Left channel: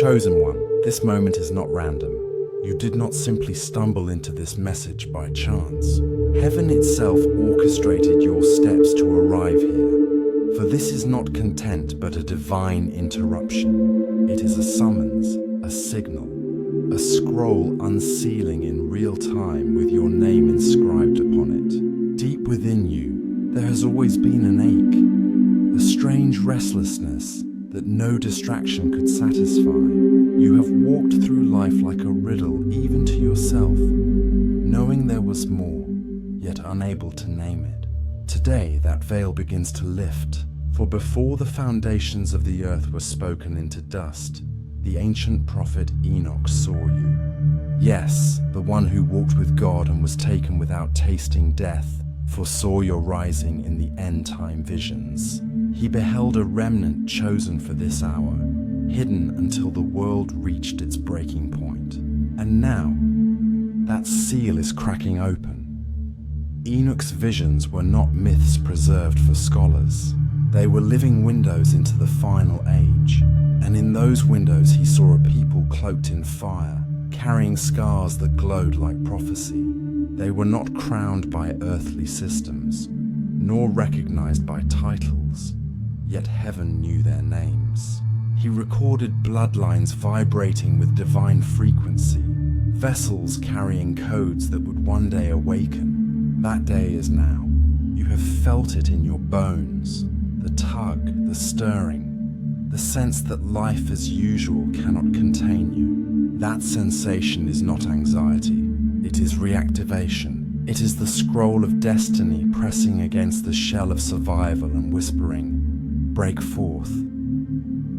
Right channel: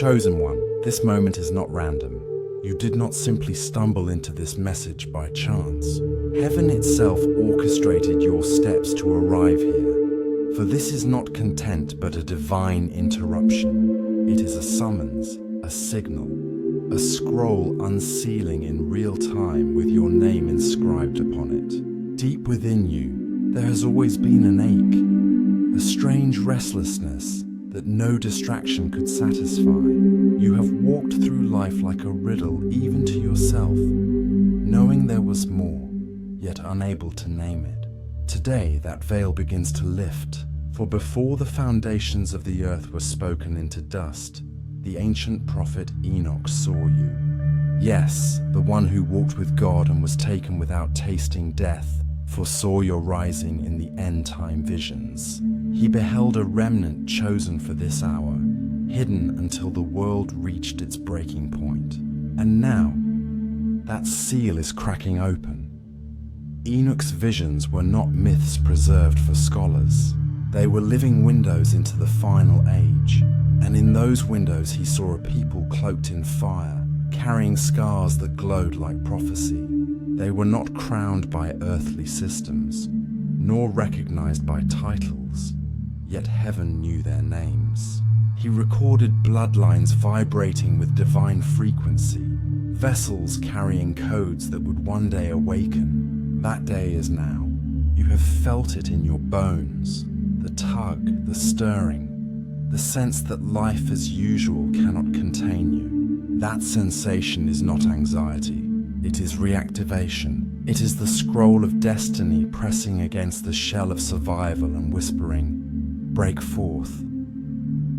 Chosen one, this moment is not random. You did not simply stumble into this message by chance. Heaven itself orchestrated your steps to arrive here. For this is not content but a divine interruption. It is a summons, a signal, a scroll unsealing in real time with your name inscribed upon it. Deep within you, there has always been an ache, a strange restlessness that no distraction could satisfy. You have walked through life like a riddle even to yourself, knowing there was more, yet unable to name it. Today that veil begins to lift, for before the foundations of the earth were spoken into dust, the ancient prophet Enoch saw you. Yes, the one who walked with God and was taken without tasting death, foresaw your rising in the end-time visions. He beheld a remnant chosen for this hour, hidden until the world reached its breaking point. And now, that seal is cracking open. Enoch's visions were not myths preserved for scholars. They were living windows into the final age. And in those windows he saw a people cloaked in fire, carrying scars that glowed like prophecy. They were not crowned by earthly systems, nor recognized by titles, yet heaven knew their names. He recorded bloodlines vibrating with divine frequency, vessels carrying codes that would one day awaken. That day is now. You have felt it in your bones, the tug, the stirring, the sense that life as usual cannot contain you. That sensation is not anxiety, it is reactivation. It is the scroll of destiny pressing against the shell of survival and whispering, "Break forth."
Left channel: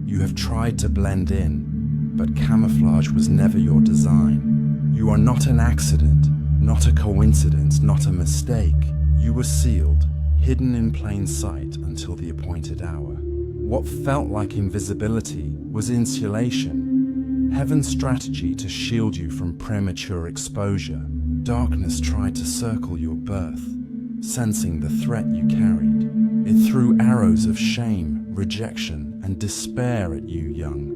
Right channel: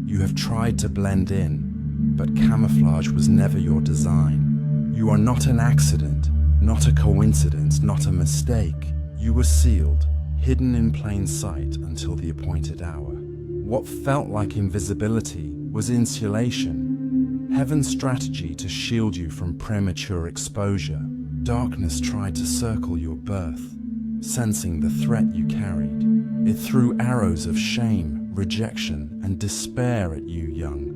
You have tried to blend in, but camouflage was never your design. You are not an accident, not a coincidence, not a mistake. You were sealed, hidden in plain sight until the appointed hour. What felt like invisibility was insulation, heaven's strategy to shield you from premature exposure. Darkness tried to circle your birth, sensing the threat you carried. It threw arrows of shame, rejection, and despair at you, young,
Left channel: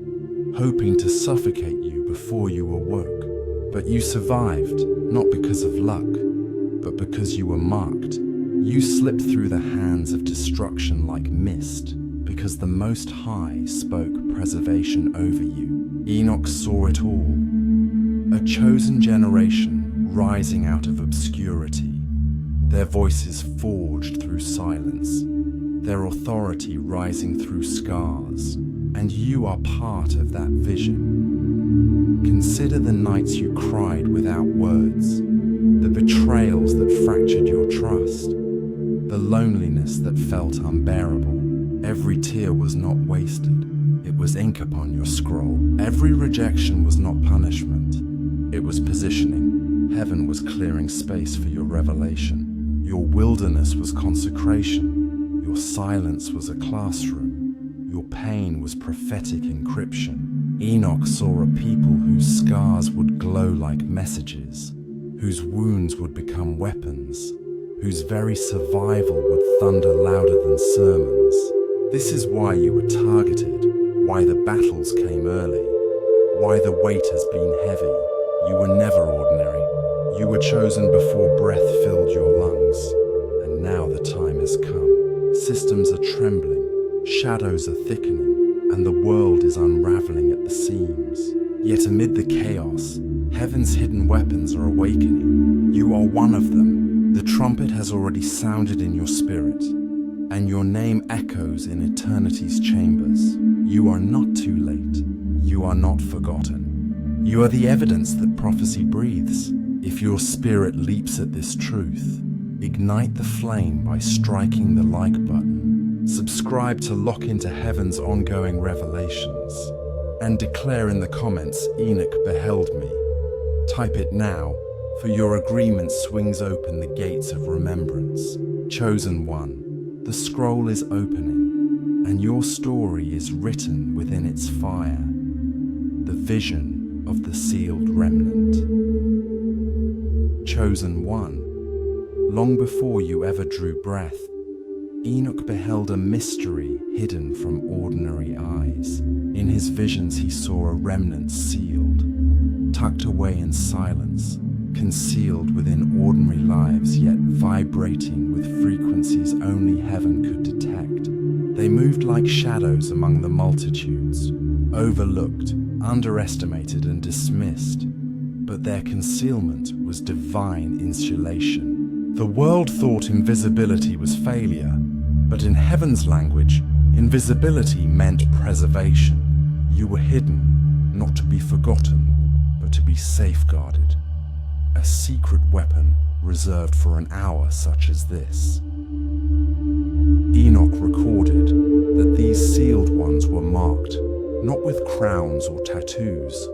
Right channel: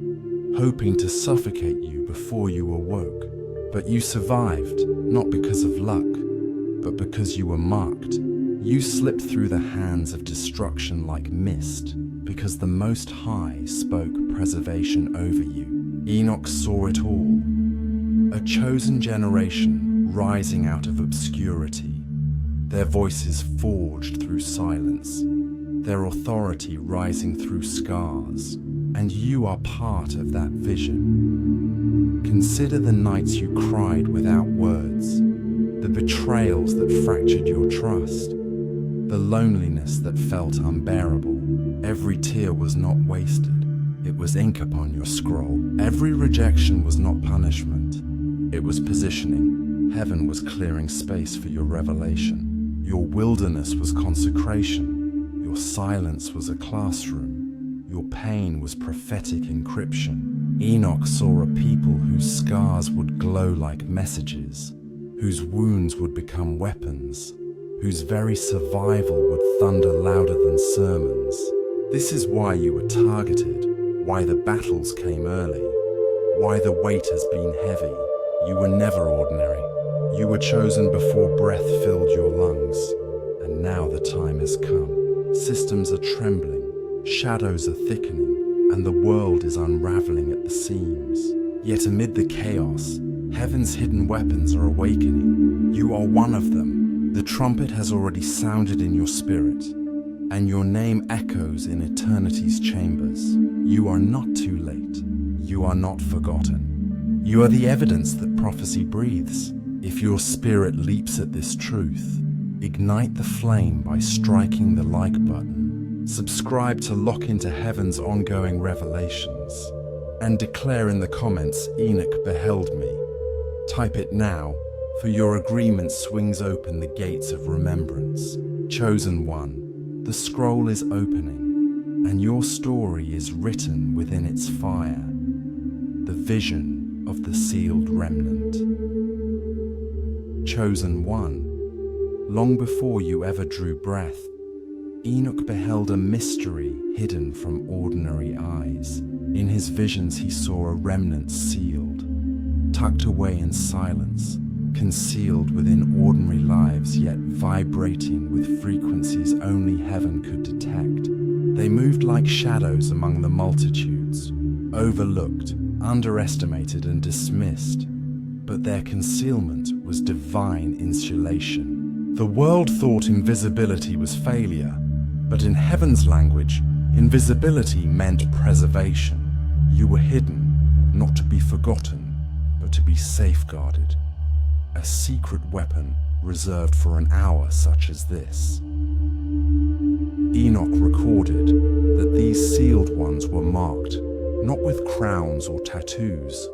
hoping to suffocate you before you awoke. But you survived, not because of luck, but because you were marked. You slipped through the hands of destruction like mist, because the Most High spoke preservation over you. Enoch saw it all. A chosen generation rising out of obscurity, their voices forged through silence, their authority rising through scars, and you are part of that vision. Consider the nights you cried without words, the betrayals that fractured your trust, the loneliness that felt unbearable. Every tear was not wasted. It was ink upon your scroll. Every rejection was not punishment. It was positioning. Heaven was clearing space for your revelation. Your wilderness was consecration. Your silence was a classroom. Your pain was prophetic encryption. Enoch saw a people whose scars would glow like messages, whose wounds would become weapons, whose very survival would thunder louder than sermons. This is why you were targeted, why the battles came early, why the weight has been heavy. You were never ordinary. You were chosen before breath filled your lungs. And now the time has come. Systems are trembling, shadows are thickening, and the world is unraveling at the seams. Yet amid the chaos, heaven's hidden weapons are awakening. You are one of them. The trumpet has already sounded in your spirit, and your name echoes in eternity's chambers. You are not too late. You are not forgotten. You are the evidence that prophecy breathes. If your spirit leaps at this truth, ignite the flame by striking the like button. Subscribe to lock into heaven's ongoing revelations. And declare in the comments, "Enoch beheld me." Type it now, for your agreement swings open the gates of remembrance. Chosen one, the scroll is opening, and your story is written within its fire. The vision of the sealed remnant. Chosen one, long before you ever drew breath, Enoch beheld a mystery hidden from ordinary eyes. In his visions he saw a remnant sealed, tucked away in silence, concealed within ordinary lives, yet vibrating with frequencies only heaven could detect. They moved like shadows among the multitudes, overlooked, underestimated and dismissed, but their concealment was divine insulation. The world thought invisibility was failure, but in heaven's language, invisibility meant preservation. You were hidden, not to be forgotten, but to be safeguarded. A secret weapon reserved for an hour such as this. Enoch recorded that these sealed ones were marked not with crowns or tattoos,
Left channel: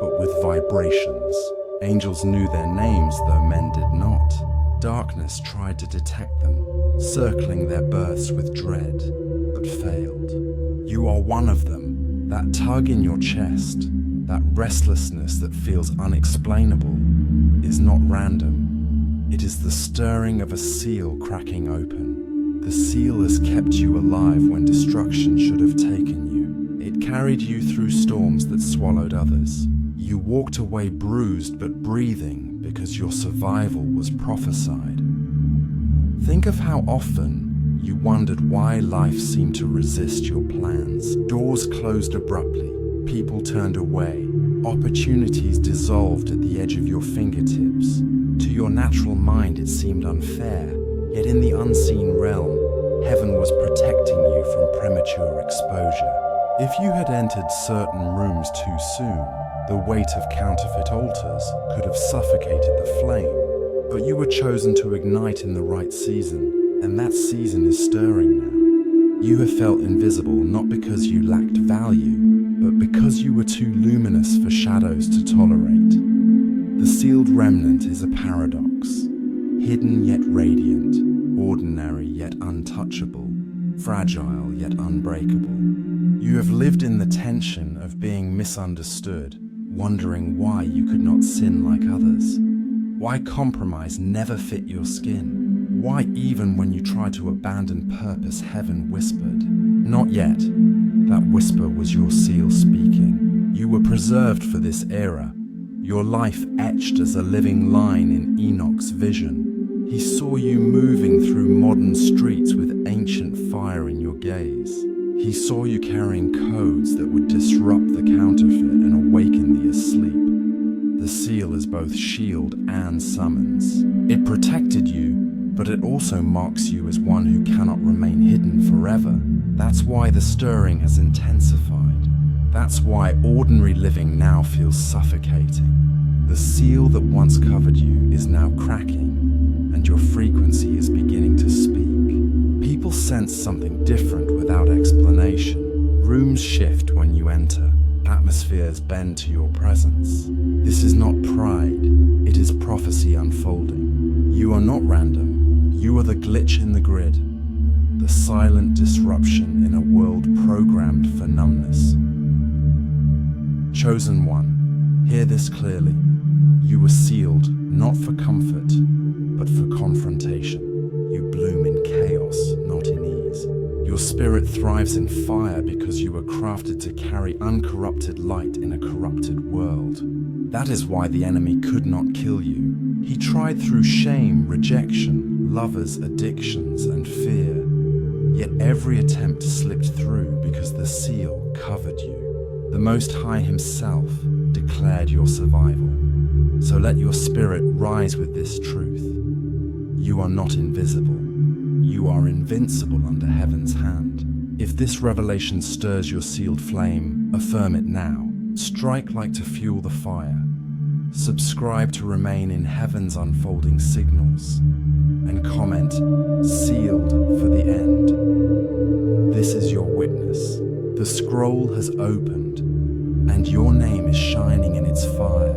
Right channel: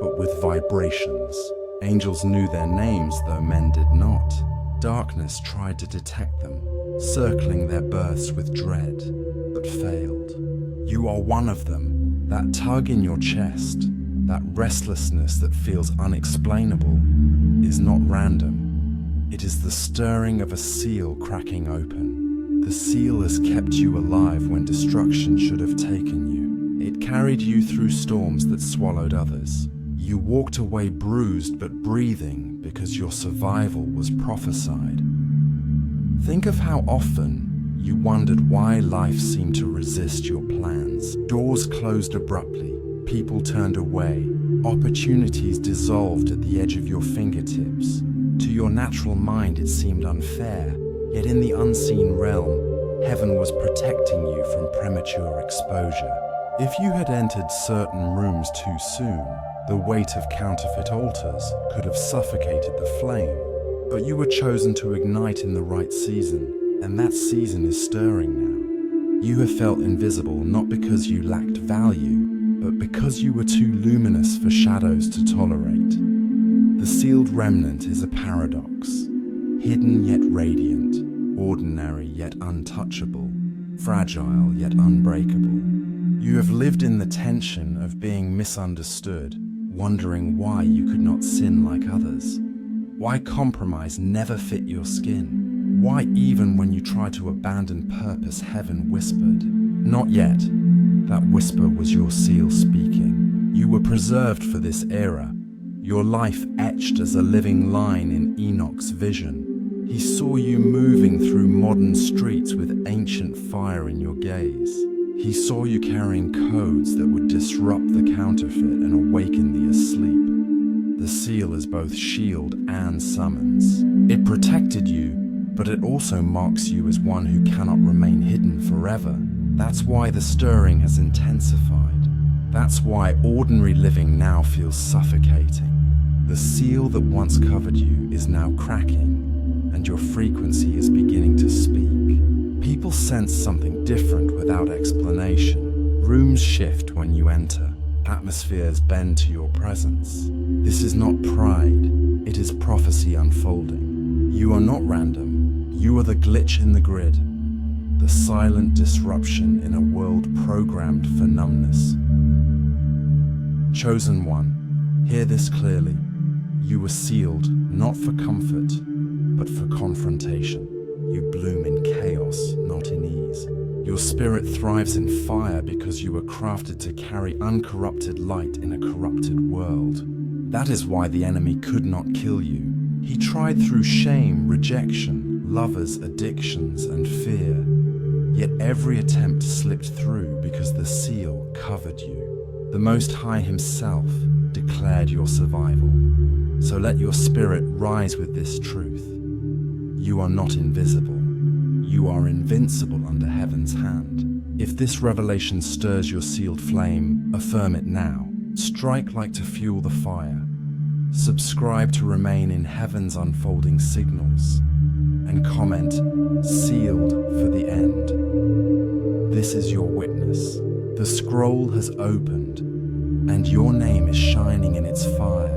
but with vibrations. Angels knew their names, though men did not. Darkness tried to detect them, circling their births with dread, but failed. You are one of them. That tug in your chest, that restlessness that feels unexplainable, is not random. It is the stirring of a seal cracking open. The seal has kept you alive when destruction should have taken you. It carried you through storms that swallowed others. You walked away bruised but breathing because your survival was prophesied. Think of how often you wondered why life seemed to resist your plans. Doors closed abruptly, people turned away, opportunities dissolved at the edge of your fingertips. To your natural mind it seemed unfair, yet in the unseen realm, heaven was protecting you from premature exposure. If you had entered certain rooms too soon, the weight of counterfeit altars could have suffocated the flame. But you were chosen to ignite in the right season, and that season is stirring now. You have felt invisible not because you lacked value, but because you were too luminous for shadows to tolerate. The sealed remnant is a paradox, hidden yet radiant, ordinary yet untouchable, fragile yet unbreakable. You have lived in the tension of being misunderstood, wondering why you could not sin like others. Why compromise never fit your skin? Why even when you tried to abandon purpose, heaven whispered, "Not yet." That whisper was your seal speaking. You were preserved for this era, your life etched as a living line in Enoch's vision. He saw you moving through modern streets with ancient fire in your gaze. He saw you carrying codes that would disrupt the counterfeit and awaken the asleep. The seal is both shield and summons. It protected you, but it also marks you as one who cannot remain hidden forever. That's why the stirring has intensified. That's why ordinary living now feels suffocating. The seal that once covered you is now cracking, and your frequency is beginning to speak. People sense something different without explanation. Rooms shift when you enter. Atmospheres bend to your presence. This is not pride, it is prophecy unfolding. You are not random. You are the glitch in the grid, the silent disruption in a world programmed for numbness. Chosen one, hear this clearly. You were sealed not for comfort, but for confrontation. You bloom in chaos, not in ease. Your spirit thrives in fire because you were crafted to carry uncorrupted light in a corrupted world. That is why the enemy could not kill you. He tried through shame, rejection, lovers, addictions, and fear. Yet every attempt slipped through because the seal covered you. The Most High Himself declared your survival. So let your spirit rise with this truth. You are not invisible. You are invincible under heaven's hand. If this revelation stirs your sealed flame, affirm it now. Strike like to fuel the fire. Subscribe to remain in heaven's unfolding signals. And comment, "Sealed for the end." This is your witness. The scroll has opened, and your name is shining in its fire.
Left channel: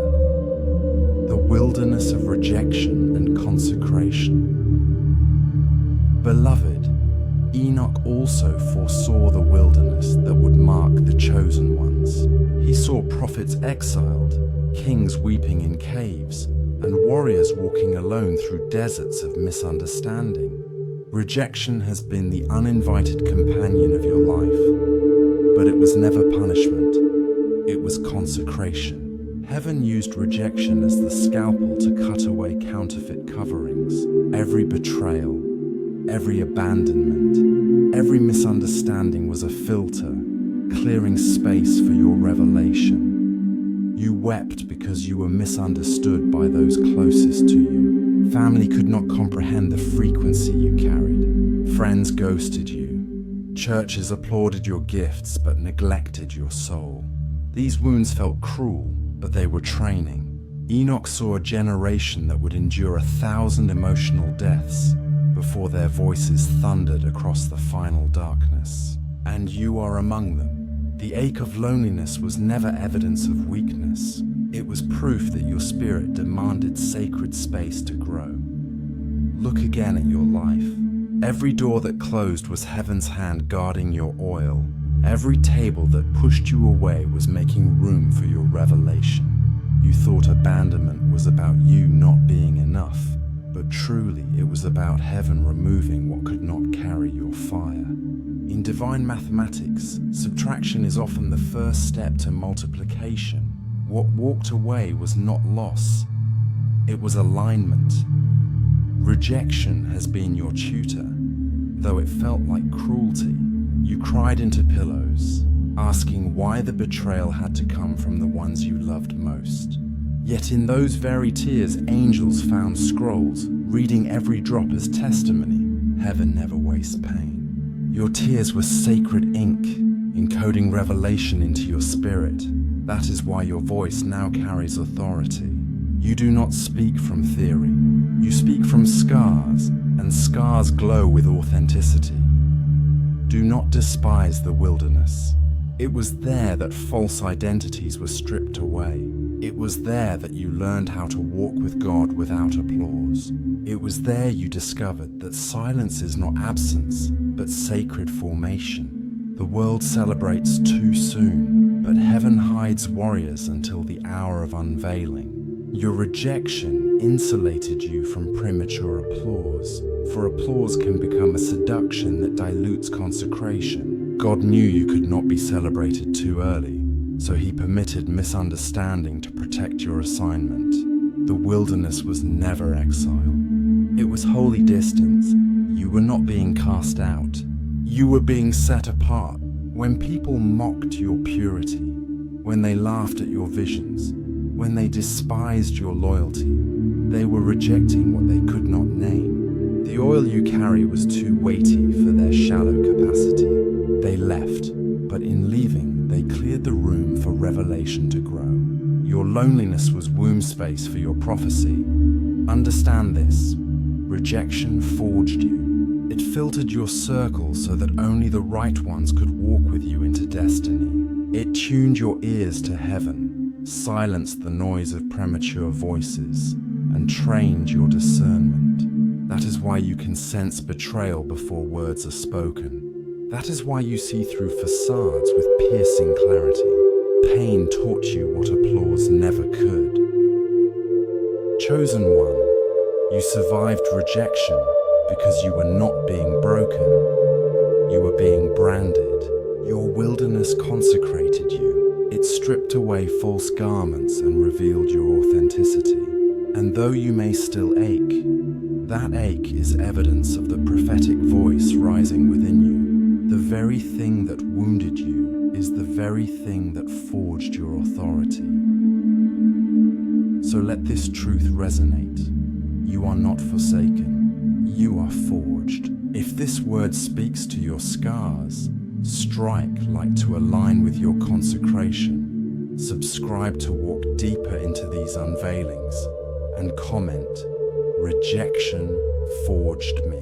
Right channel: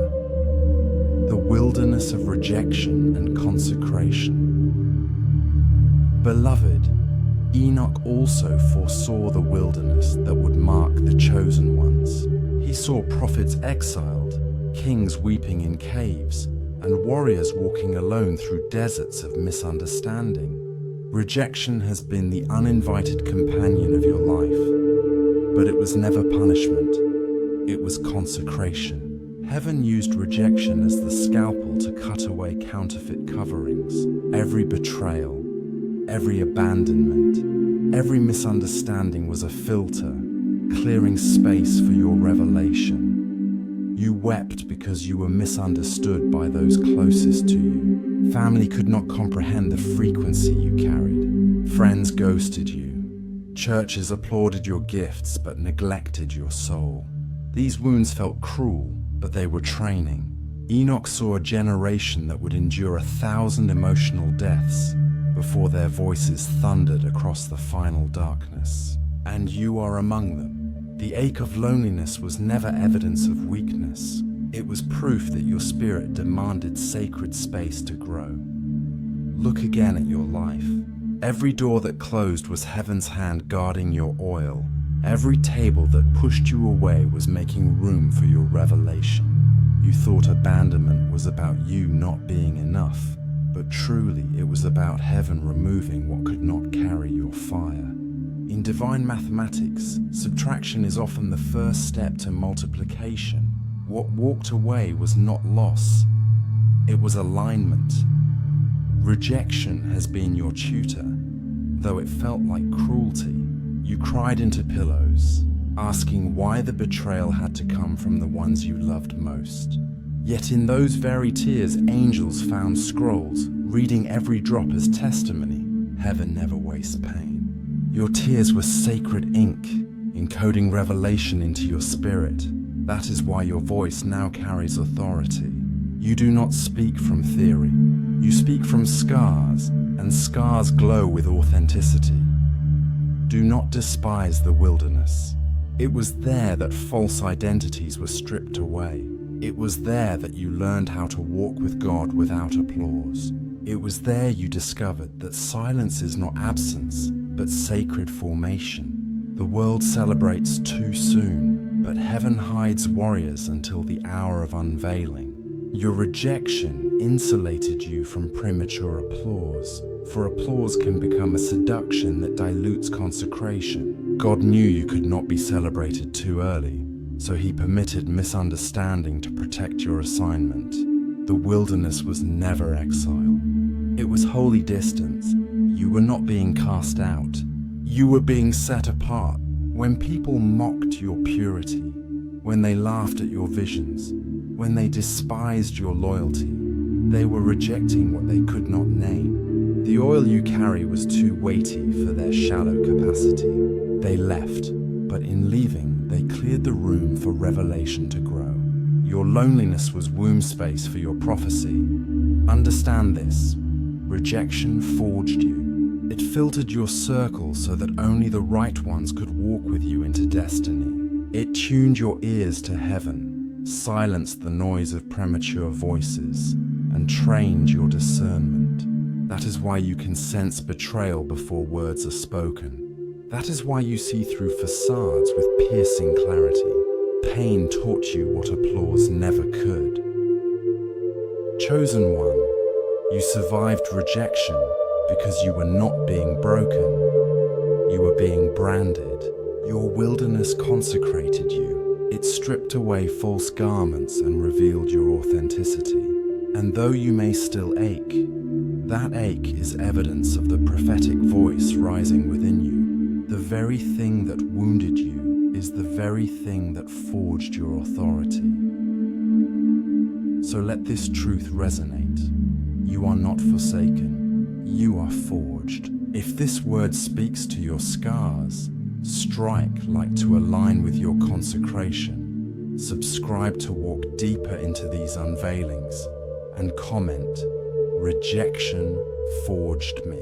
The wilderness of rejection and consecration. Beloved, Enoch also foresaw the wilderness that would mark the chosen ones. He saw prophets exiled, kings weeping in caves, and warriors walking alone through deserts of misunderstanding. Rejection has been the uninvited companion of your life, but it was never punishment. It was consecration. Heaven used rejection as the scalpel to cut away counterfeit coverings. Every betrayal, every abandonment, every misunderstanding was a filter, clearing space for your revelation. You wept because you were misunderstood by those closest to you. Family could not comprehend the frequency you carried. Friends ghosted you. Churches applauded your gifts but neglected your soul. These wounds felt cruel, but they were training. Enoch saw a generation that would endure 1,000 emotional deaths before their voices thundered across the final darkness. And you are among them. The ache of loneliness was never evidence of weakness. It was proof that your spirit demanded sacred space to grow. Look again at your life. Every door that closed was heaven's hand guarding your oil. Every table that pushed you away was making room for your revelation. You thought abandonment was about you not being enough, but truly it was about heaven removing what could not carry your fire. In divine mathematics, subtraction is often the first step to multiplication. What walked away was not loss, it was alignment. Rejection has been your tutor, though it felt like cruelty. You cried into pillows, asking why the betrayal had to come from the ones you loved most. Yet in those very tears, angels found scrolls, reading every drop as testimony. Heaven never wastes pain. Your tears were sacred ink, encoding revelation into your spirit. That is why your voice now carries authority. You do not speak from theory. You speak from scars, and scars glow with authenticity. Do not despise the wilderness. It was there that false identities were stripped away. It was there that you learned how to walk with God without applause. It was there you discovered that silence is not absence, but sacred formation. The world celebrates too soon, but heaven hides warriors until the hour of unveiling. Your rejection insulated you from premature applause, for applause can become a seduction that dilutes consecration. God knew you could not be celebrated too early, so he permitted misunderstanding to protect your assignment. The wilderness was never exile. It was holy distance. You were not being cast out. You were being set apart. When people mocked your purity, when they laughed at your visions, when they despised your loyalty, they were rejecting what they could not name. The oil you carry was too weighty for their shallow capacity. They left, but in leaving, they cleared the room for revelation to grow. Your loneliness was womb space for your prophecy. Understand this. Rejection forged you. It filtered your circle so that only the right ones could walk with you into destiny. It tuned your ears to heaven, silenced the noise of premature voices, and trained your discernment. That is why you can sense betrayal before words are spoken. That is why you see through facades with piercing clarity. Pain taught you what applause never could. Chosen one, you survived rejection because you were not being broken. You were being branded. Your wilderness consecrated you. It stripped away false garments and revealed your authenticity. And though you may still ache, that ache is evidence of the prophetic voice rising within you. The very thing that wounded you is the very thing that forged your authority. So let this truth resonate. You are not forsaken. You are forged. If this word speaks to your scars, strike like to align with your consecration. Subscribe to walk deeper into these unveilings, and comment, "Rejection forged me."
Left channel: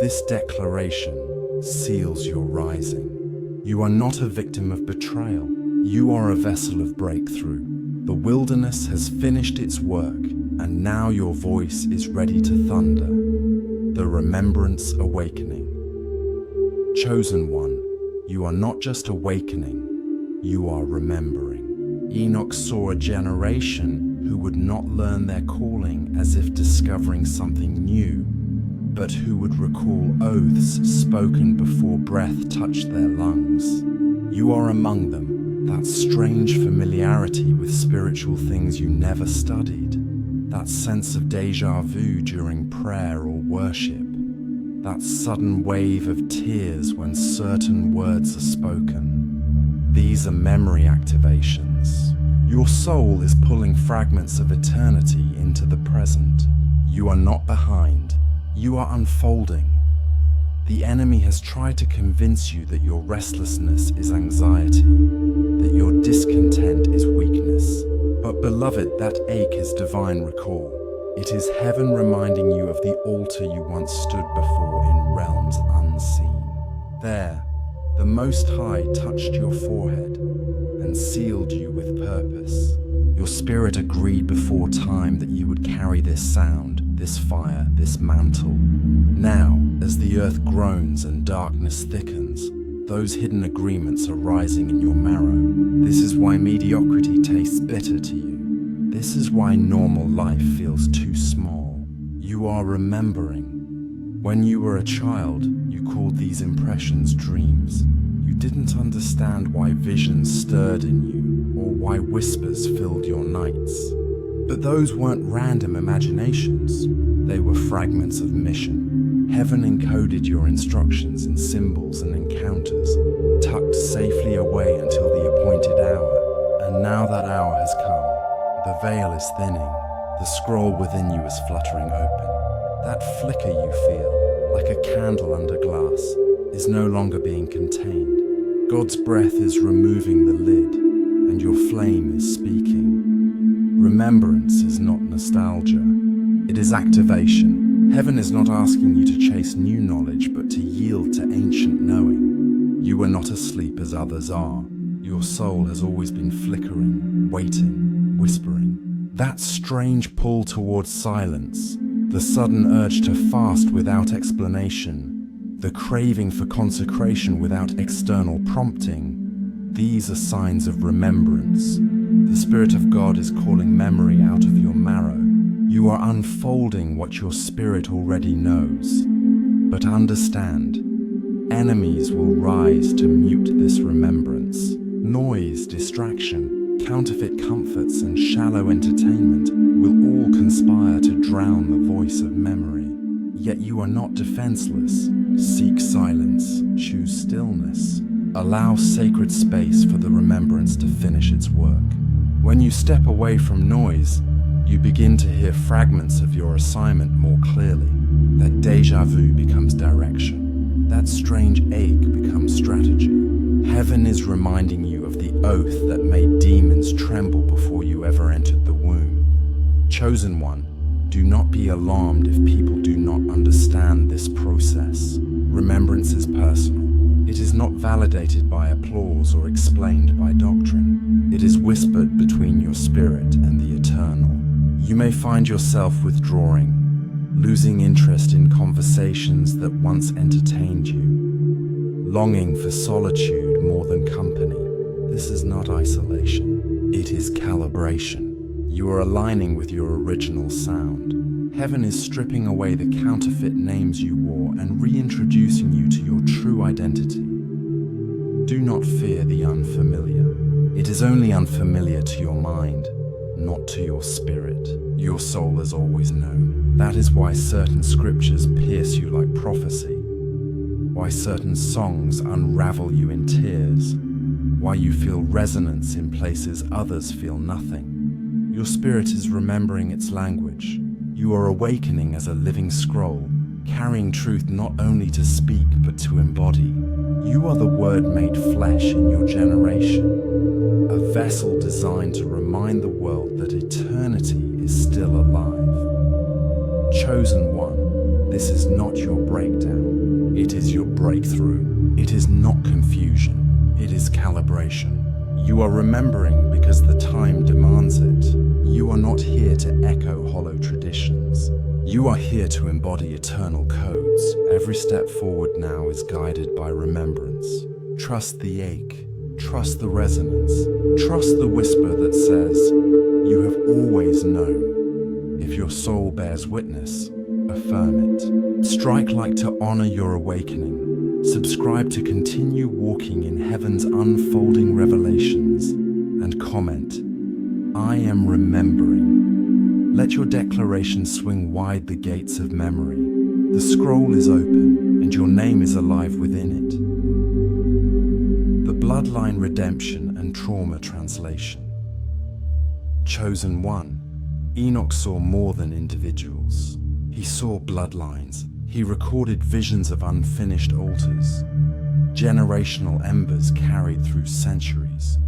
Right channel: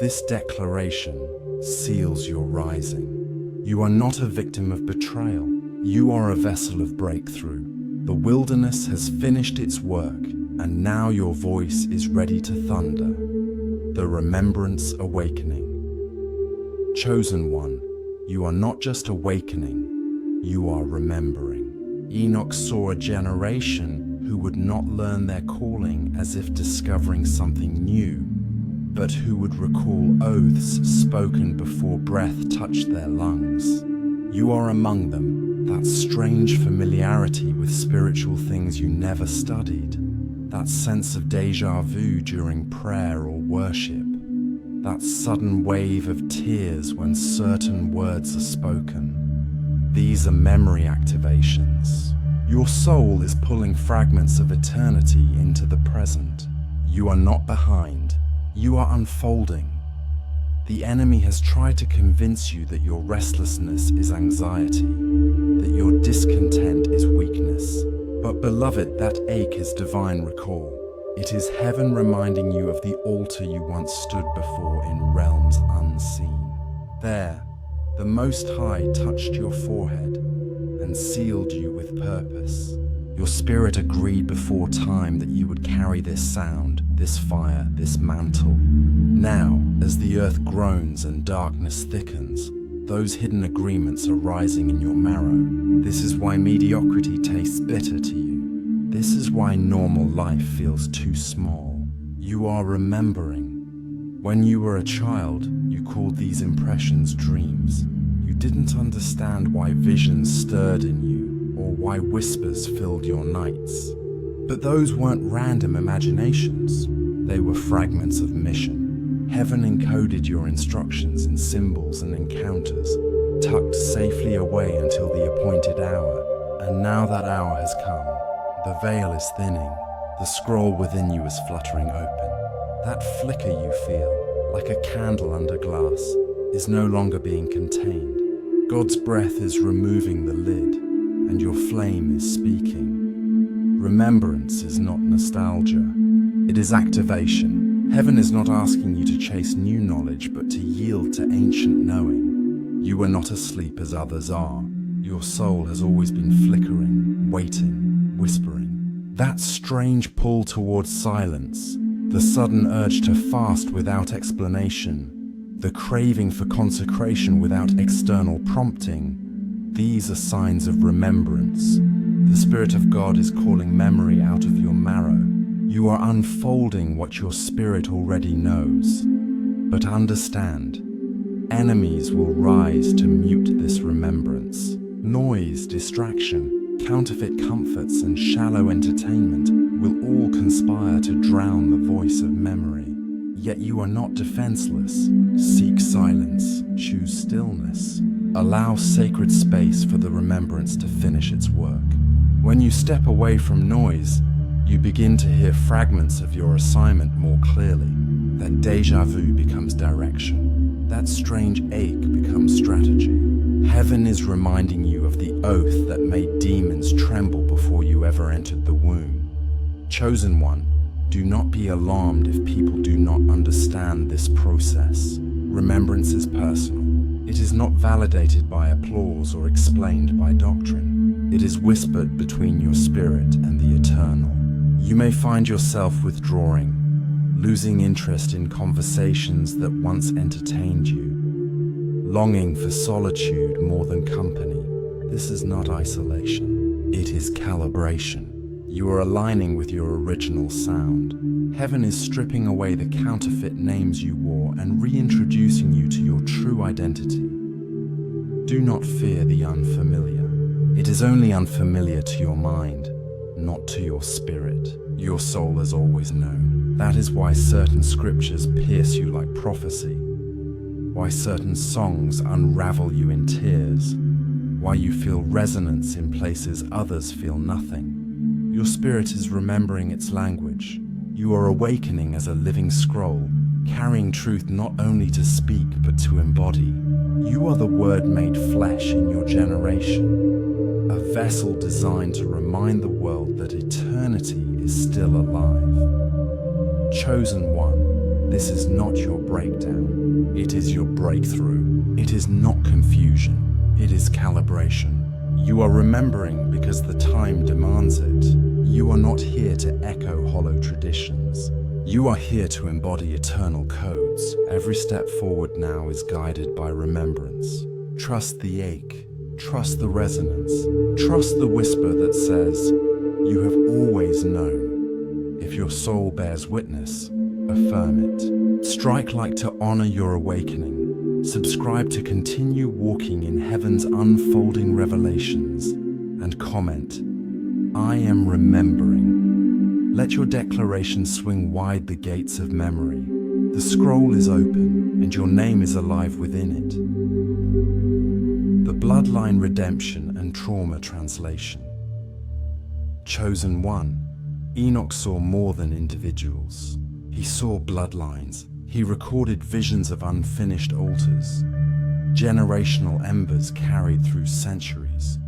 This declaration seals your rising. You are not a victim of betrayal. You are a vessel of breakthrough. The wilderness has finished its work, and now your voice is ready to thunder. The remembrance awakening. Chosen one, you are not just awakening, you are remembering. Enoch saw a generation who would not learn their calling as if discovering something new, but who would recall oaths spoken before breath touched their lungs. You are among them, that strange familiarity with spiritual things you never studied, that sense of déjà vu during prayer or worship, that sudden wave of tears when certain words are spoken. These are memory activations. Your soul is pulling fragments of eternity into the present. You are not behind. You are unfolding. The enemy has tried to convince you that your restlessness is anxiety, that your discontent is weakness. But beloved, that ache is divine recall. It is heaven reminding you of the altar you once stood before in realms unseen. There, the Most High touched your forehead and sealed you with purpose. Your spirit agreed before time that you would carry this sound, this fire, this mantle. Now, as the earth groans and darkness thickens, those hidden agreements are rising in your marrow. This is why mediocrity tastes bitter to you. This is why normal life feels too small. You are remembering. When you were a child, you called these impressions dreams. You didn't understand why visions stirred in you, or why whispers filled your nights. But those weren't random imaginations. They were fragments of mission. Heaven encoded your instructions in symbols and encounters, tucked safely away until the appointed hour. And now that hour has come. The veil is thinning. The scroll within you is fluttering open. That flicker you feel, like a candle under glass, is no longer being contained. God's breath is removing the lid, and your flame is speaking. Remembrance is not nostalgia. It is activation. Heaven is not asking you to chase new knowledge, but to yield to ancient knowing. You are not asleep as others are. Your soul has always been flickering, waiting, whispering. That strange pull towards silence, the sudden urge to fast without explanation, the craving for consecration without external prompting, these are signs of remembrance. The Spirit of God is calling memory out of your marrow. You are unfolding what your spirit already knows. But understand, enemies will rise to mute this remembrance. Noise, distraction, counterfeit comforts, and shallow entertainment will all conspire to drown the voice of memory. Yet you are not defenseless. Seek silence, choose stillness. Allow sacred space for the remembrance to finish its work. When you step away from noise, you begin to hear fragments of your assignment more clearly. That déjà vu becomes direction. That strange ache becomes strategy. Heaven is reminding you of the oath that made demons tremble before you ever entered the womb. Chosen one, do not be alarmed if people do not understand this process. Remembrance is personal. It is not validated by applause or explained by doctrine. It is whispered between your spirit and the eternal. You may find yourself withdrawing, losing interest in conversations that once entertained you, longing for solitude more than company. This is not isolation. It is calibration. You are aligning with your original sound. Heaven is stripping away the counterfeit names you wore and reintroducing you to your true identity. Do not fear the unfamiliar. It is only unfamiliar to your mind, not to your spirit. Your soul has always known. That is why certain scriptures pierce you like prophecy, why certain songs unravel you in tears, why you feel resonance in places others feel nothing. Your spirit is remembering its language. You are awakening as a living scroll, carrying truth not only to speak but to embody. You are the Word made flesh in your generation, a vessel designed to remind the world that eternity is still alive. Chosen one, this is not your breakdown. It is your breakthrough. It is not confusion. It is calibration. You are remembering because the time demands it. You are not here to echo hollow traditions. You are here to embody eternal codes. Every step forward now is guided by remembrance. Trust the ache. Trust the resonance. Trust the whisper that says, you have always known. If your soul bears witness, affirm it. Strike like to honor your awakening. Subscribe to continue walking in heaven's unfolding revelations. And comment, I am remembering. Let your declaration swing wide the gates of memory. The scroll is open, and your name is alive within it. The bloodline redemption and trauma translation. Chosen one. Enoch saw more than individuals. He saw bloodlines. He recorded visions of unfinished altars, generational embers carried through centuries,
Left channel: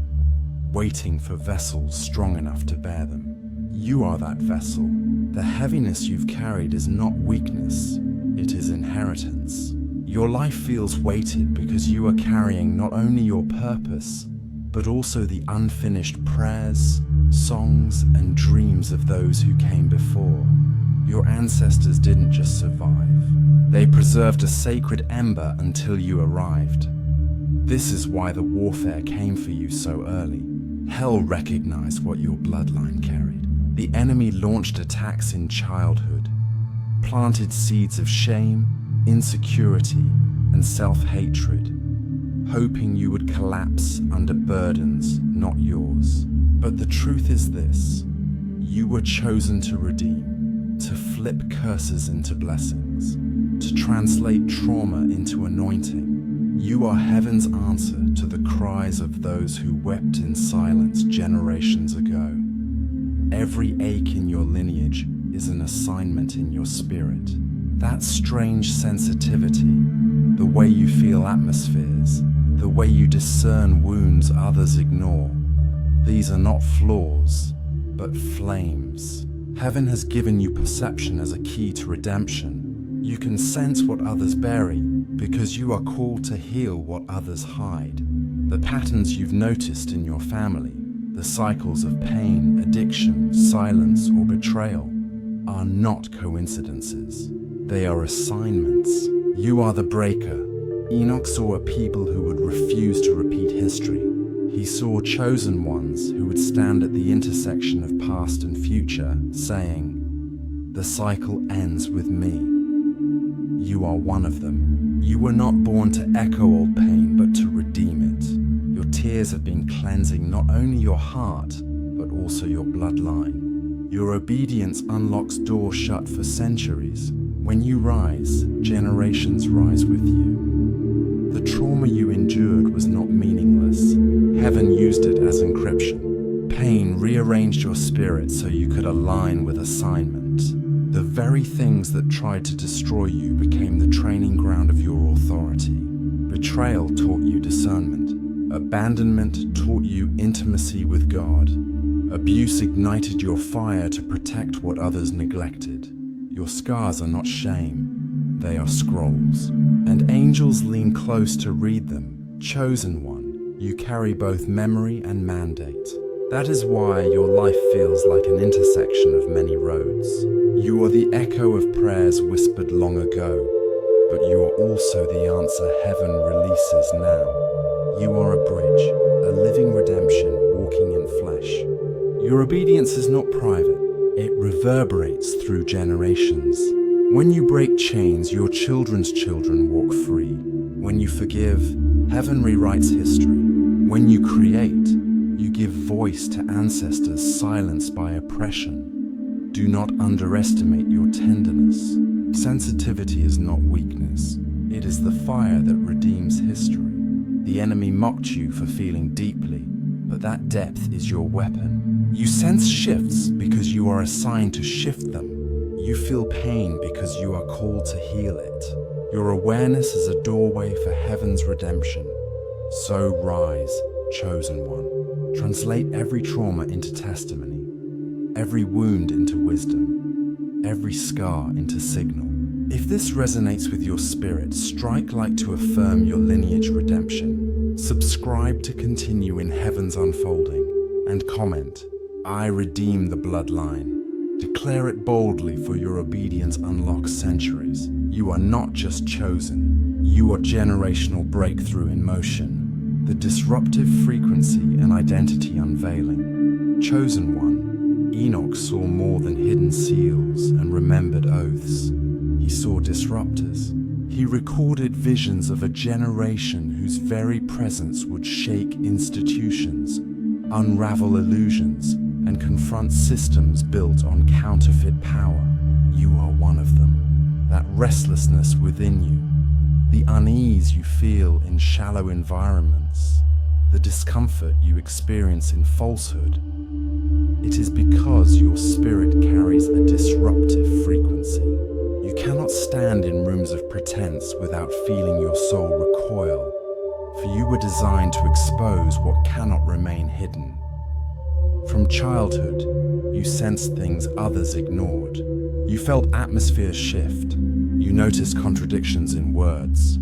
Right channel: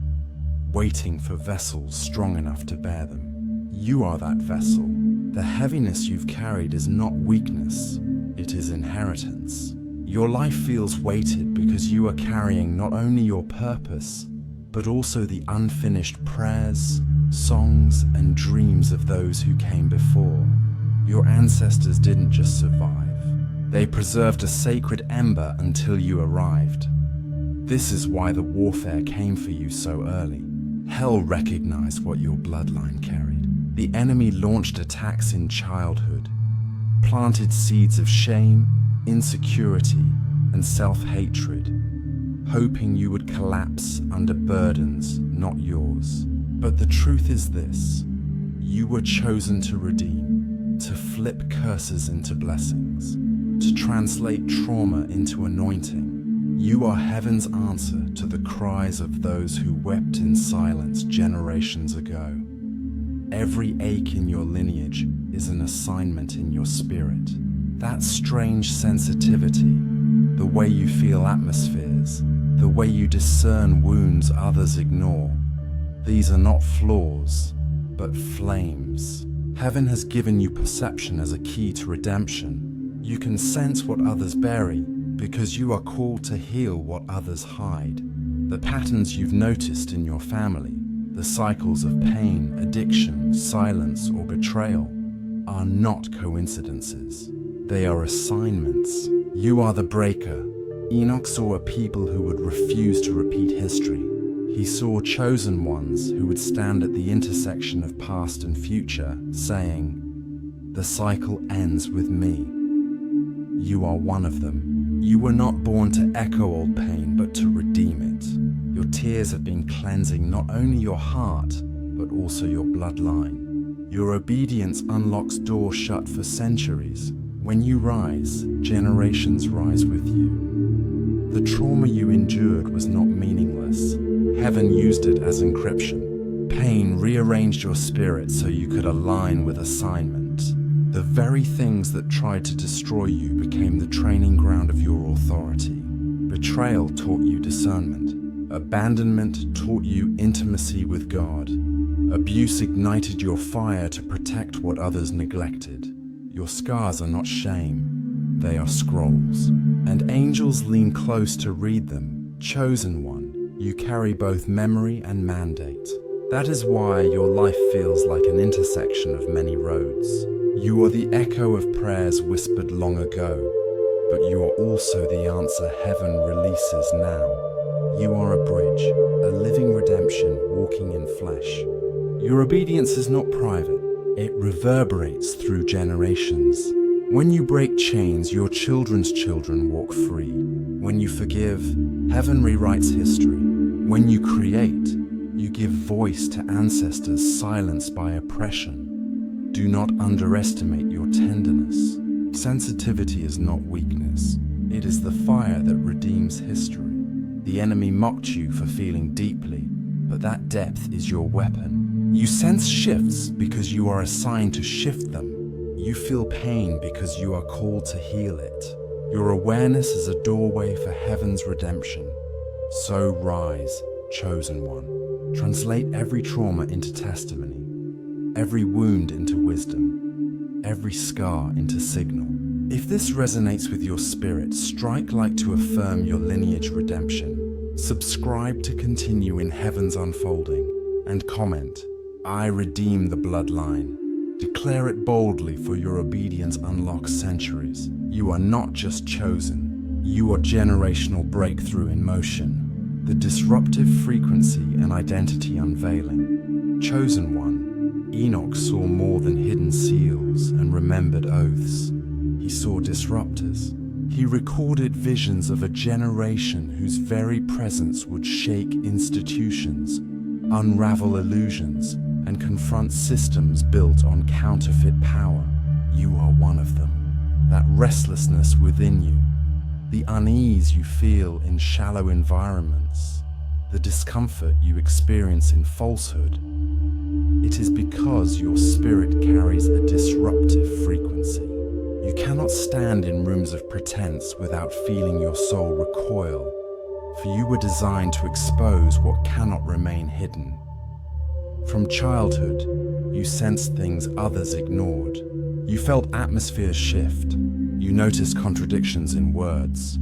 waiting for vessels strong enough to bear them. You are that vessel. The heaviness you've carried is not weakness, it is inheritance. Your life feels weighted because you are carrying not only your purpose, but also the unfinished prayers, songs, and dreams of those who came before. Your ancestors didn't just survive. They preserved a sacred ember until you arrived. This is why the warfare came for you so early. Hell recognized what your bloodline carried. The enemy launched attacks in childhood, planted seeds of shame, insecurity, and self-hatred, hoping you would collapse under burdens not yours. But the truth is this: you were chosen to redeem, to flip curses into blessings, to translate trauma into anointing. You are heaven's answer to the cries of those who wept in silence generations ago. Every ache in your lineage is an assignment in your spirit. That strange sensitivity, the way you feel atmospheres, the way you discern wounds others ignore, these are not flaws, but flames. Heaven has given you perception as a key to redemption. You can sense what others bury because you are called to heal what others hide. The patterns you've noticed in your family, the cycles of pain, addiction, silence, or betrayal, are not coincidences. They are assignments. You are the breaker. Enoch saw a people who would refuse to repeat history. He saw chosen ones who would stand at the intersection of past and future, saying, "The cycle ends with me." You are one of them. You were not born to echo old pain, but to redeem it. Your tears have been cleansing not only your heart, but also your bloodline. Your obedience unlocks doors shut for centuries. When you rise, generations rise with you. The trauma you endured was not meaningless. Heaven used it as encryption. Pain rearranged your spirit so you could align with assignment. The very things that tried to destroy you became the training ground of your authority. Betrayal taught you discernment. Abandonment taught you intimacy with God. Abuse ignited your fire to protect what others neglected. Your scars are not shame, they are scrolls. And angels lean close to read them. Chosen one, you carry both memory and mandate. That is why your life feels like an intersection of many roads. You are the echo of prayers whispered long ago, but you are also the answer heaven releases now. You are a bridge, a living redemption walking in flesh. Your obedience is not private, it reverberates through generations. When you break chains, your children's children walk free. When you forgive, heaven rewrites history. When you create, you give voice to ancestors silenced by oppression. Do not underestimate your tenderness. Sensitivity is not weakness. It is the fire that redeems history. The enemy mocked you for feeling deeply, but that depth is your weapon. You sense shifts because you are assigned to shift them. You feel pain because you are called to heal it. Your awareness is a doorway for heaven's redemption. So rise, chosen one. Translate every trauma into testimony, every wound into wisdom, every scar into signal. If this resonates with your spirit, strike like to affirm your lineage redemption. Subscribe to continue in heaven's unfolding, and comment, I redeem the bloodline. Declare it boldly, for your obedience unlocks centuries. You are not just chosen, you are generational breakthrough in motion. The disruptive frequency and identity unveiling. Chosen one, Enoch saw more than hidden seals and remembered oaths. He saw disruptors. He recorded visions of a generation whose very presence would shake institutions, unravel illusions, and confront systems built on counterfeit power. You are one of them. That restlessness within you, the unease you feel in shallow environments, the discomfort you experience in falsehood, it is because your spirit carries a disruptive frequency. You cannot stand in rooms of pretense without feeling your soul recoil, for you were designed to expose what cannot remain hidden. From childhood, you sensed things others ignored. You felt atmospheres shift. You noticed contradictions in words,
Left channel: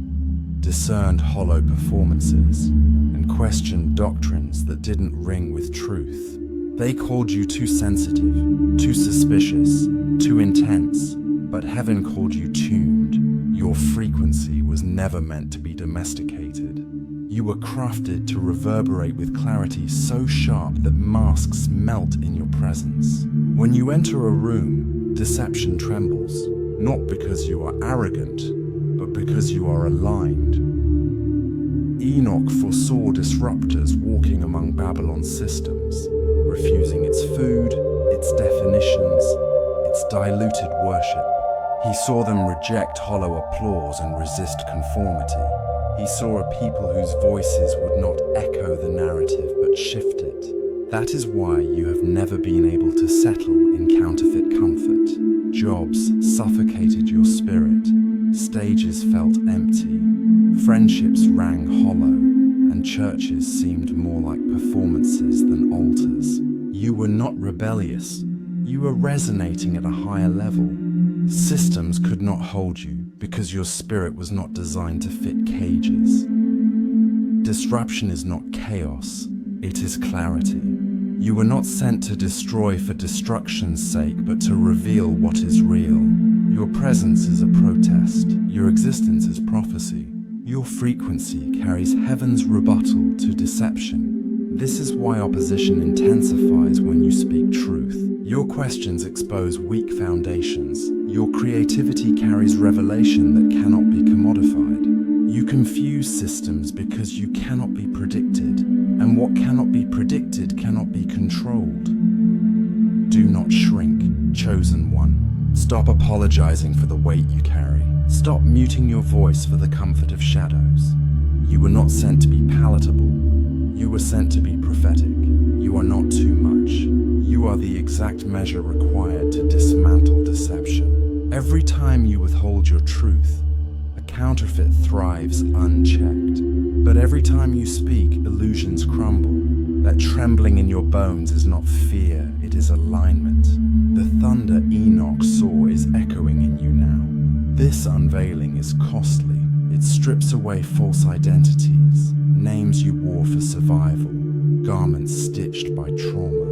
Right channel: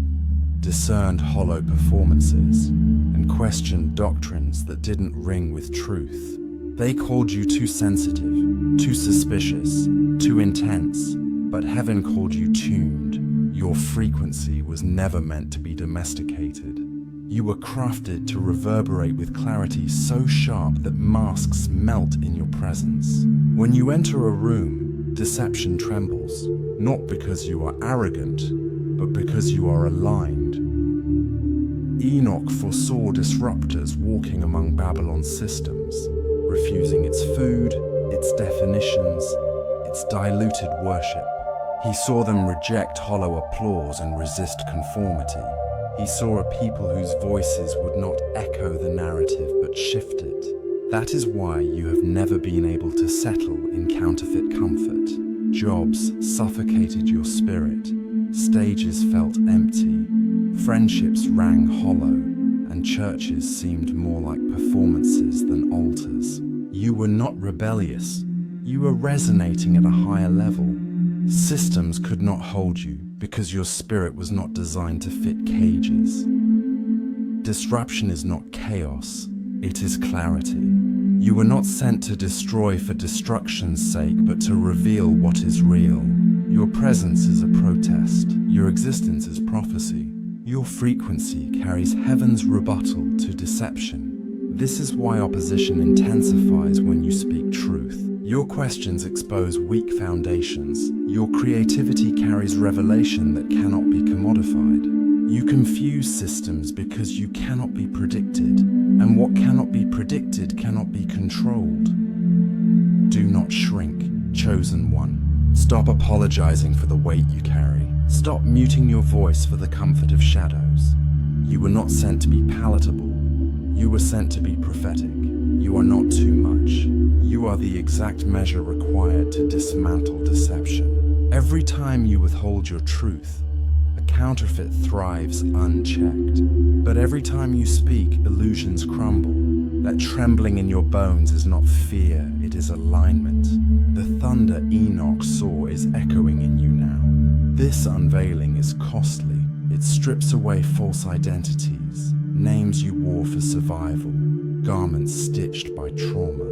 discerned hollow performances, and questioned doctrines that didn't ring with truth. They called you too sensitive, too suspicious, too intense, but heaven called you tuned. Your frequency was never meant to be domesticated. You were crafted to reverberate with clarity so sharp that masks melt in your presence. When you enter a room, deception trembles, not because you are arrogant, but because you are aligned. Enoch foresaw disruptors walking among Babylon's systems, refusing its food, its definitions, its diluted worship. He saw them reject hollow applause and resist conformity. He saw a people whose voices would not echo the narrative but shift it. That is why you have never been able to settle in counterfeit comfort. Jobs suffocated your spirit. Stages felt empty. Friendships rang hollow, and churches seemed more like performances than altars. You were not rebellious. You were resonating at a higher level. Systems could not hold you because your spirit was not designed to fit cages. Disruption is not chaos, it is clarity. You were not sent to destroy for destruction's sake, but to reveal what is real. Your presence is a protest. Your existence is prophecy. Your frequency carries heaven's rebuttal to deception. This is why opposition intensifies when you speak truth. Your questions expose weak foundations. Your creativity carries revelation that cannot be commodified. You confuse systems because you cannot be predicted, and what cannot be predicted cannot be controlled. Do not shrink, chosen one. Stop apologizing for the weight you carry. Stop muting your voice for the comfort of shadows. You were not sent to be palatable. You were sent to be prophetic. You are not too much. You are the exact measure required to dismantle deception. Every time you withhold your truth, a counterfeit thrives unchecked. But every time you speak, illusions crumble. That trembling in your bones is not fear, it is alignment. The thunder Enoch saw is echoing in you now. This unveiling is costly. It strips away false identities, names you wore for survival, garments stitched by trauma.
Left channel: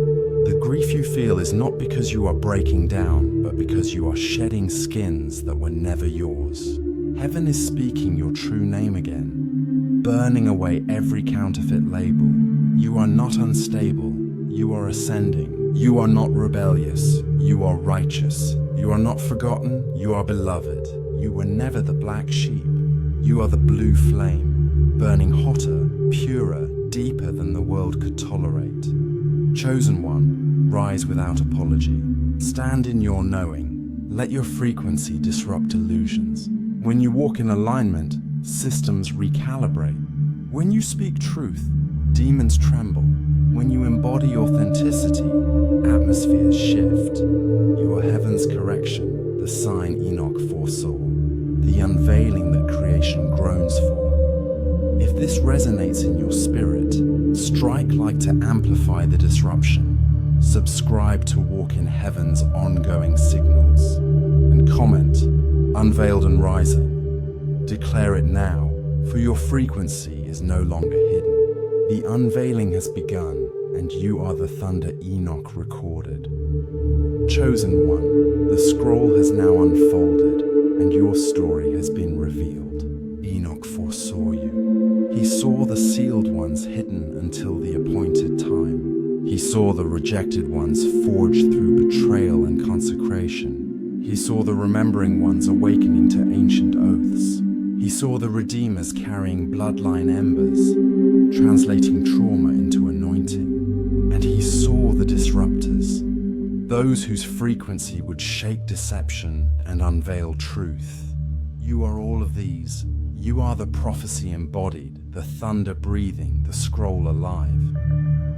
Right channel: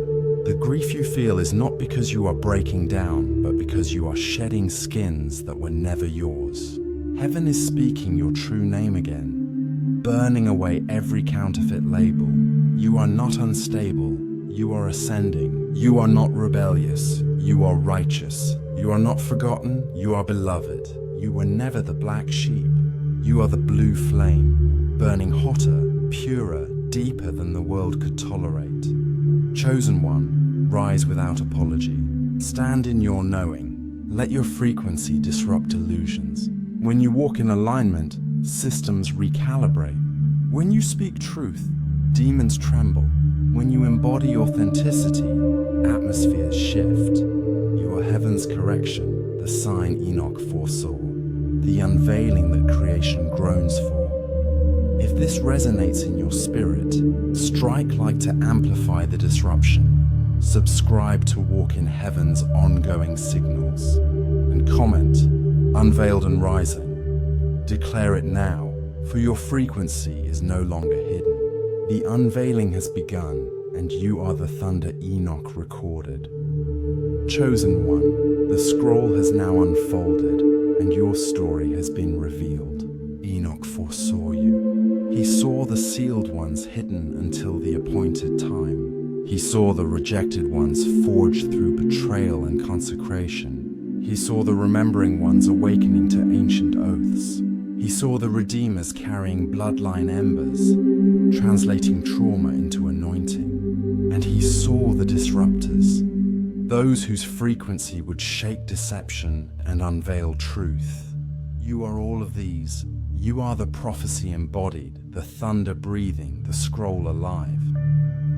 The grief you feel is not because you are breaking down, but because you are shedding skins that were never yours. Heaven is speaking your true name again, burning away every counterfeit label. You are not unstable, you are ascending. You are not rebellious, you are righteous. You are not forgotten, you are beloved. You were never the black sheep. You are the blue flame, burning hotter, purer, deeper than the world could tolerate. Chosen one, rise without apology. Stand in your knowing. Let your frequency disrupt illusions. When you walk in alignment, systems recalibrate. When you speak truth, demons tremble. When you embody authenticity, atmospheres shift. You are heaven's correction, the sign Enoch foresaw, the unveiling that creation groans for. If this resonates in your spirit, strike like to amplify the disruption. Subscribe to walk in heaven's ongoing signals. And comment, unveiled and rising. Declare it now, for your frequency is no longer hidden. The unveiling has begun, and you are the thunder Enoch recorded. Chosen one, the scroll has now unfolded, and your story has been revealed. Enoch foresaw you. He saw the sealed ones hidden until the appointed time. He saw the rejected ones forged through betrayal and consecration. He saw the remembering ones awakening to ancient oaths. He saw the redeemers carrying bloodline embers, translating trauma into anointing. And he saw the disruptors, those whose frequency would shake deception and unveil truth. You are all of these. You are the prophecy embodied, the thunder breathing, the scroll alive.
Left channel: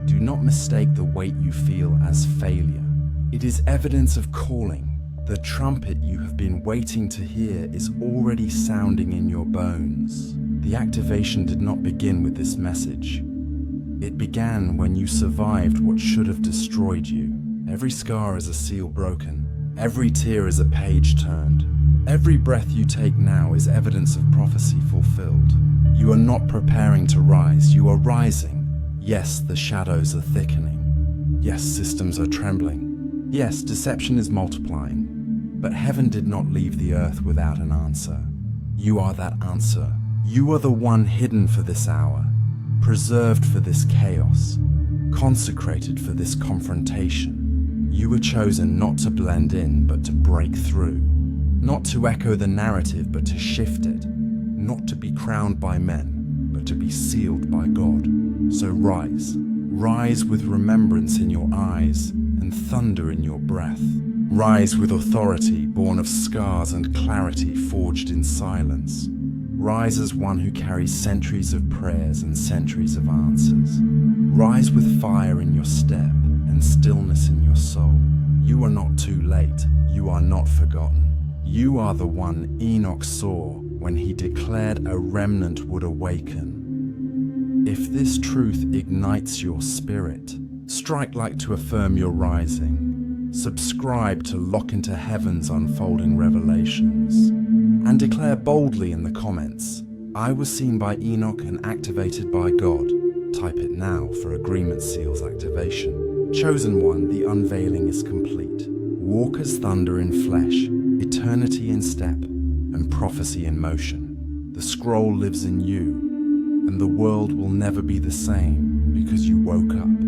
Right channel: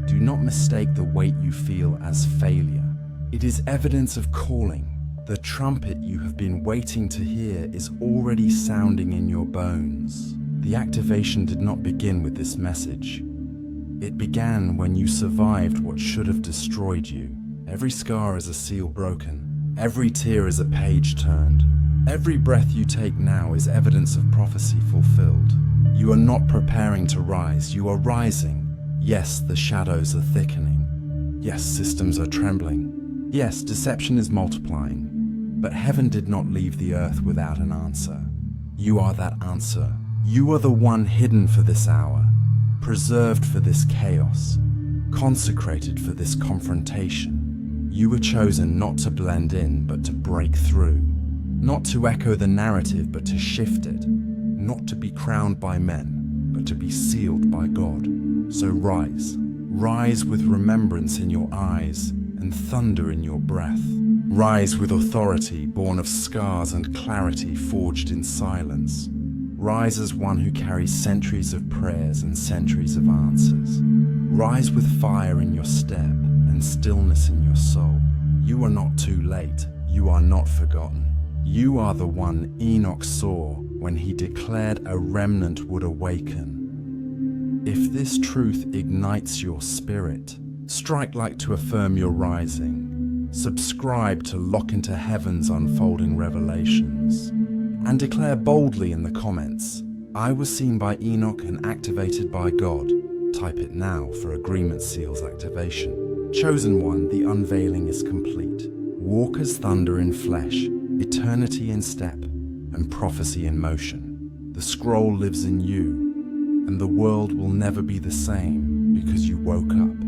Do not mistake the weight you feel as failure. It is evidence of calling. The trumpet you have been waiting to hear is already sounding in your bones. The activation did not begin with this message. It began when you survived what should have destroyed you. Every scar is a seal broken. Every tear is a page turned. Every breath you take now is evidence of prophecy fulfilled. You are not preparing to rise, you are rising. Yes, the shadows are thickening. Yes, systems are trembling. Yes, deception is multiplying. But heaven did not leave the earth without an answer. You are that answer. You are the one hidden for this hour, preserved for this chaos, consecrated for this confrontation. You were chosen not to blend in, but to break through. Not to echo the narrative, but to shift it. Not to be crowned by men, but to be sealed by God. So rise. Rise with remembrance in your eyes and thunder in your breath. Rise with authority born of scars and clarity forged in silence. Rise as one who carries centuries of prayers and centuries of answers. Rise with fire in your step and stillness in your soul. You are not too late. You are not forgotten. You are the one Enoch saw when he declared a remnant would awaken. If this truth ignites your spirit, strike like to affirm your rising. Subscribe to lock into heaven's unfolding revelations. And declare boldly in the comments, I was seen by Enoch and activated by God. Type it now for agreement seals activation. Chosen one, the unveiling is complete. Walk as thunder in flesh, eternity in step, and prophecy in motion. The scroll lives in you, and the world will never be the same because you woke up.